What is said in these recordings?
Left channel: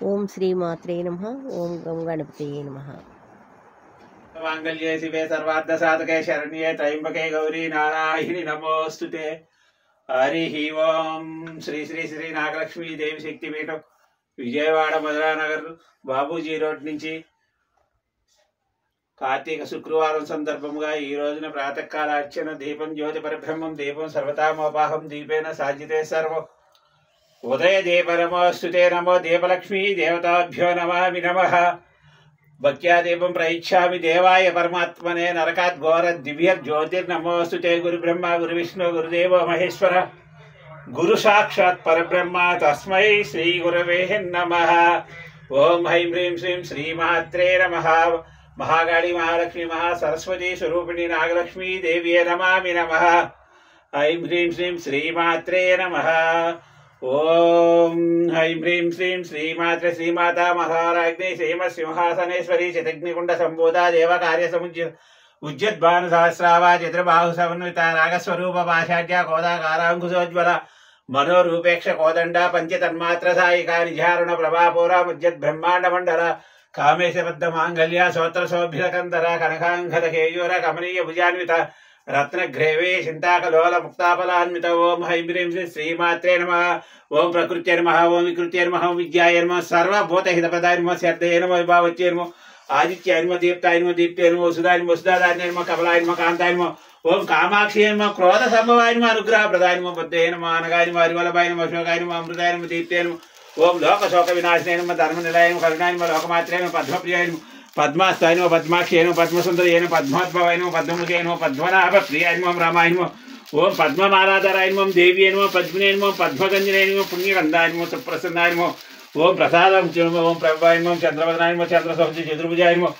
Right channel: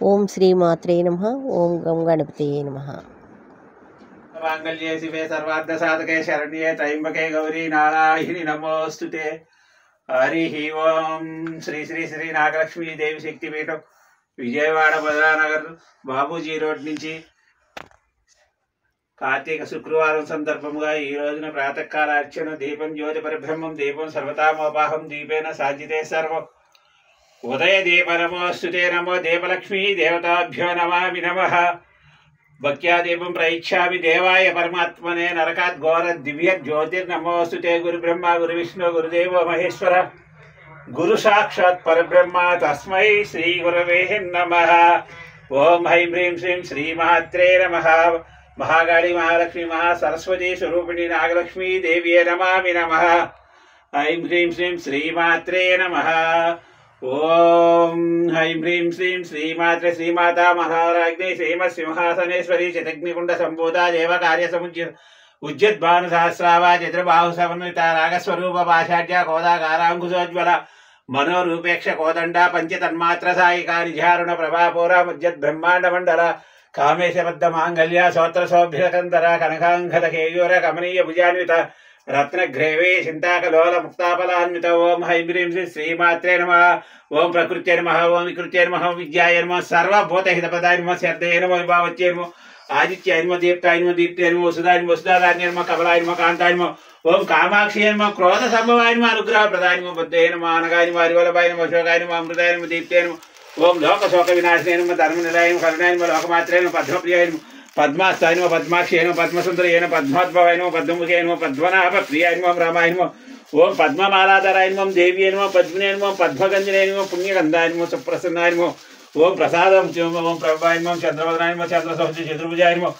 ఓం శ్రీమాత్రే నమః. ఓం గం గణపతయే నమః. मांगल्ये शिवे सर्वार्थ साधके शरण्ये त्र्यंबके गौरी नारायणि नमोस्तुते। हरि ओम श्री श्री श्री नागलक्ष्मी देवी शक्तिपीठం విజయవాడ మధురానగర్ బాబూజీ రోడ్ నుంచి కార్తీక శుక్రవారం సందర్భంగా ఈ రోజున ప్రాతకాల అర్చన దీపం జ్యోతి పరబ్రహ్మం దీపం సర్వతామోపాహం దీపేన సాధ్యతే సర్వం ఉదయ దీప నమోస్తుతే నమో దీపలక్ష్మీ దేవతాభ్యో నమామి నమః भक्त्या दीपं प्रयच्छामि देवाय परमात्मने नरकात् घोर दिव्य ज्योतिर्नमोस्तुते गुरु ब्रह्मा गुरु विष्णु गुरुदेव महेश्वर गुरु साक्षात् परब्रह्मा तस्मै श्री गुरवे नमः। ओम ऐं ह्रीं श्रीं श्रीमात्रे नमः। महाकाली महालक्ष्मी महासरस्वती स्वरूपिणी नागलक्ष्मी देव्ये नमामि नमः। ऐं ह्रीं श्रीं श्रीमात्रे नमः। ओम ऐं ह्रीं श्रीं श्रीमात्रे श्रीमाता महाराज्ञी श्रीमत्सिंहासनेश्वरी शतग्निकुंड संभूता देव कार्य समुज्य उज्जद्भानु सहस्रावा चतुर्बाहु समन्विता नागस्वरूप पाषाढ्य कोदाकारांकुशोज्वल मनोरूपेक्ष कोदंडा पंचतन्मात्र सायिका निजारुण प्रभापूरा मुज्जद् ब्रह्मांड मंडल कामेश बद्ध मांगल्य सोत्र सौभ्यकंदर कनकांगद केयूर कमनीय भुजान्वित रत्नग्रेवे चिंताकलोल मुक्ताफलान्वित। ओम ऐं ह्रीं श्रीं श्रीमात्रे नमः। ओम प्रकृत्यै नमः। ओम विकृत्यै नमः। विद्यायै नमः। सर्वभूतहितपदाय नमः। शब्दाय नमः। विभावच्यै नमः। आदित्याय नमः। दीप्ताय नमः। दीप्ते नमः। वसुधाय नमः। वसुधाय नमः। कमलाय नमः। कांताय नमः। ओम कामाक्षी नमः। क्रोध संभवाय नमः। अनुग्रह प्रदाय नमः। बुद्धये नमः। अनगाय नमः। हरिवल्लभाय नमः। अशोकाय नमः। अमृताय नमः। दीप्ते नमः। ओम लोक शोक विनाशिने नमः। धर्मनिलयाय नमः। करुणाय नमः। लोकमात्रे नमः। पद्मप्रियाय नमः। पद्मास्ताय नमः। पद्माक्षी नमः। पद्मसुंदरी नमः। पद्मोद्भवाय नमः। पद्ममुखे नमः। पद्मनाभ प्रियाय नमः। रामाय नमः। ओम पद्ममालाधराय नमः। देव्यै नमः। पद्मिने नमः। पद्मगंजने नमः। पुण्यगंधाय नमः। सुप्रसन्नाय नमः। ओम प्रसादं ओम प्रभाय नमः। चंद्रवदनाय नमः। चंद्रसौंदर्य चतुर्भुजाय नमः।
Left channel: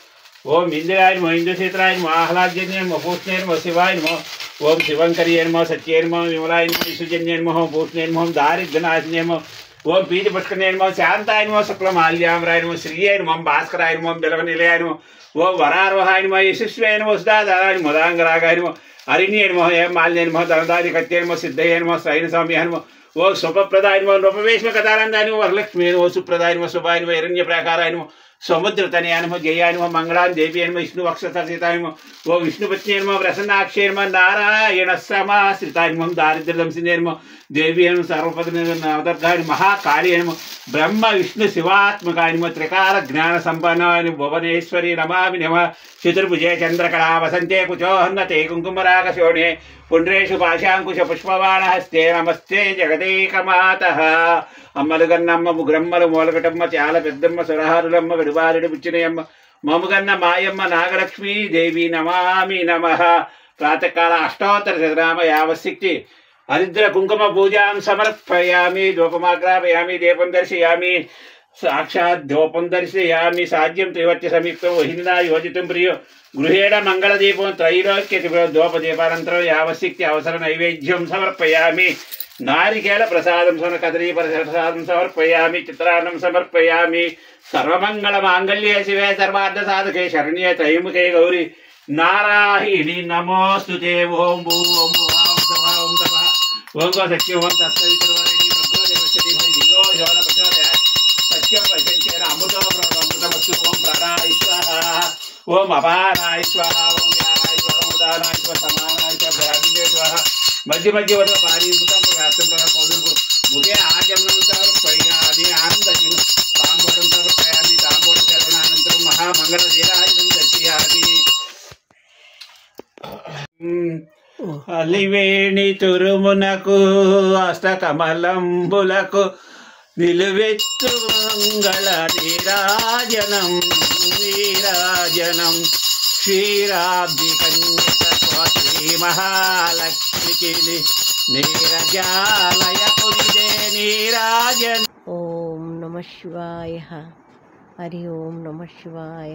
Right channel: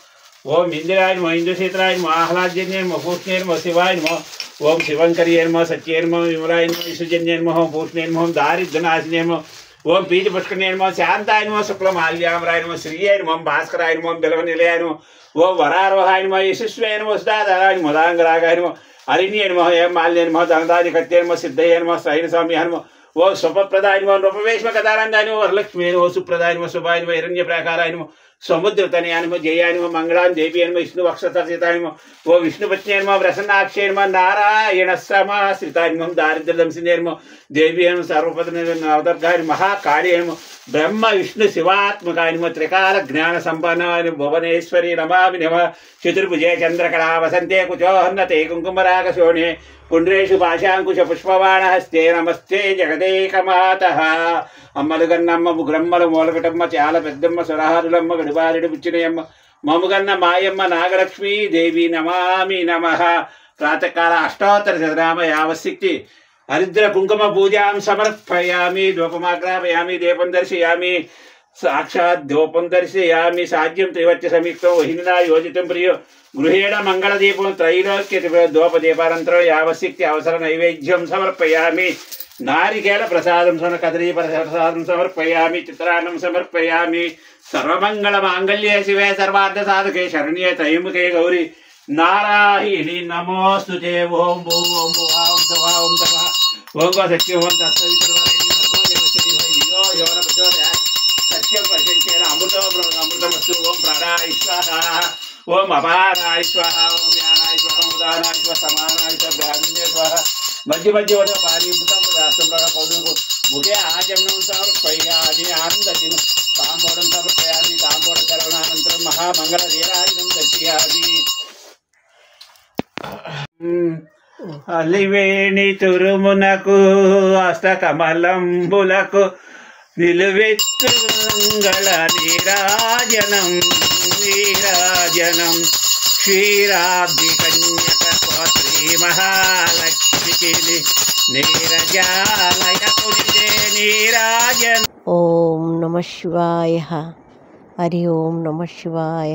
ओम इंदिराय नमः। इंद्रक्षेत्राय नमः। आह्लादजन्याय नमः। पूष्णे नमः। शिवाय नमः। ओम शिवंकर्ये नमः। सत्ये नमः। विमलाय नमः। विसुजन्ये नमः। पूष्णे नमः। दारिद्र्यनाशिने नमः। ओम पीतपुष्करणे नमः। शांताय नमः। शुक्लमाल्याम्राय नमः। श्रीये नमः। भास्कराय नमः। बिल्वनिलयाय नमः। ओम वरारोहाय नमः। यशस्वाय नमः। सुधाधाराय नमः। मदांगरागाय नमः। अरिण्ये नमः। माल्ये नमः। धनदादिकत्ये नमः। सिद्धये नमः। सैनसौम्याय नमः। ओम स्वप्रदाय नमः। नृपवेश्मकतानन्दाय नमः। वरलक्ष्मी नमः। सुप्रदाय नमः। शुभाय नमः। हिरण्यप्राकाराय नमः। समुद्रतनयाय नमः। जयाय नमः। मंगलां देव्यै नमः। विष्णुवक्षस्थाय नमः। ओम विष्णुपत्न्यै नमः। प्रसन्नाक्षये नमः। नारायण समाश्रिताय नमः। दारिद्र्यदंसिने नमः। देव्यै नमः। सर्वपदनवदर्गाय नमः। महाकार्ये नमः। ब्रह्म विष्णु शिवात्मकाय नमः। त्रिकाल ज्ञान संपन्नाय नमः। भुवनेश्वरी नमामि नमः। चतुर्भुजे चंद्रकला वसन्ते कुचोहन्नते कुङ्कुमरागशोणे पुण्ड्रेषु पाशाङ्कुश पुष्पबाणहस्ते नमस्ते जगदेकमातः। అమ్మలుగన్నమ్మ ముగ్రమ్మలు మూలకటమ్మ చాలా పెద్దమ్మ సురహారులమ్మ గడిబారెడి బుచ్చినయమ్మ మముగన్న మాయమ్మ నాగలక్ష్మీ దేవి నమామి నమః। ప్రాతకాల అష్టోత్తర శతనామ యావశక్తి హరిద్ర కుంకుమ పూజాం సమర్పయామి ధూపమాగ్రాపయామి దీపం దర్శయామి సాక్షాత్ ధూపం దర్శయామి సాధ్యం త్రివర్చ సంయుక్తం వహినా యోజితం ప్రియ గృహేణ మంగళదీపం త్రైలోక్య ధూపదీపానంతరం యావశక్తి అవసర నైవేద్యం సమర్పయామి। नारिकेल प्रसादं सोन कदली प्रसादं समर्पयामि। चित्रान्नं समर्पयामि। सर्वमंगल मांगल्ये शिवे सर्वार्थ साधके शरण्ये त्र्यंबके गौरी नारायणि नमोस्तुते। ओम भूः ओम भुवः ओम स्वः ओम तपः ओम सत्यं ओम तत्सवितुर्वरेण्यं भर्गो देवस्य धीमहि धियो यो न प्रचोदयात् सत्यं परिसंख्येन अमृतो ब्रह्मामृतमस्तु। ओम प्राणाय स्वाहा ओम अपानाय स्वाहा ओम ज्ञानाय स्वाहा ओम उदानाय स्वाहा समानाय स्वाहा ब्रह्मणे स्वाहा। मध्य मध्य वद पारी मुखे आचमनं समर्पयामि। आनन्दजीवन ताम्बूलं समर्पयामि। ताम्बूल चरणानन्तरं महामङ्गललीलादिकं दर्शयामि। అలివేణి తురుమునకు అష్టకమలంబులకు నిలువెత్తు మంగళ నీరాజనం నీరాజనం క్షీరాబ్ది కన్యక శ్రీ మహాలక్ష్మికి నీరజాలయకు నిజే నీరాజనం। ఓం నమః శివాయ. హరి ఓం నమః శివాయ.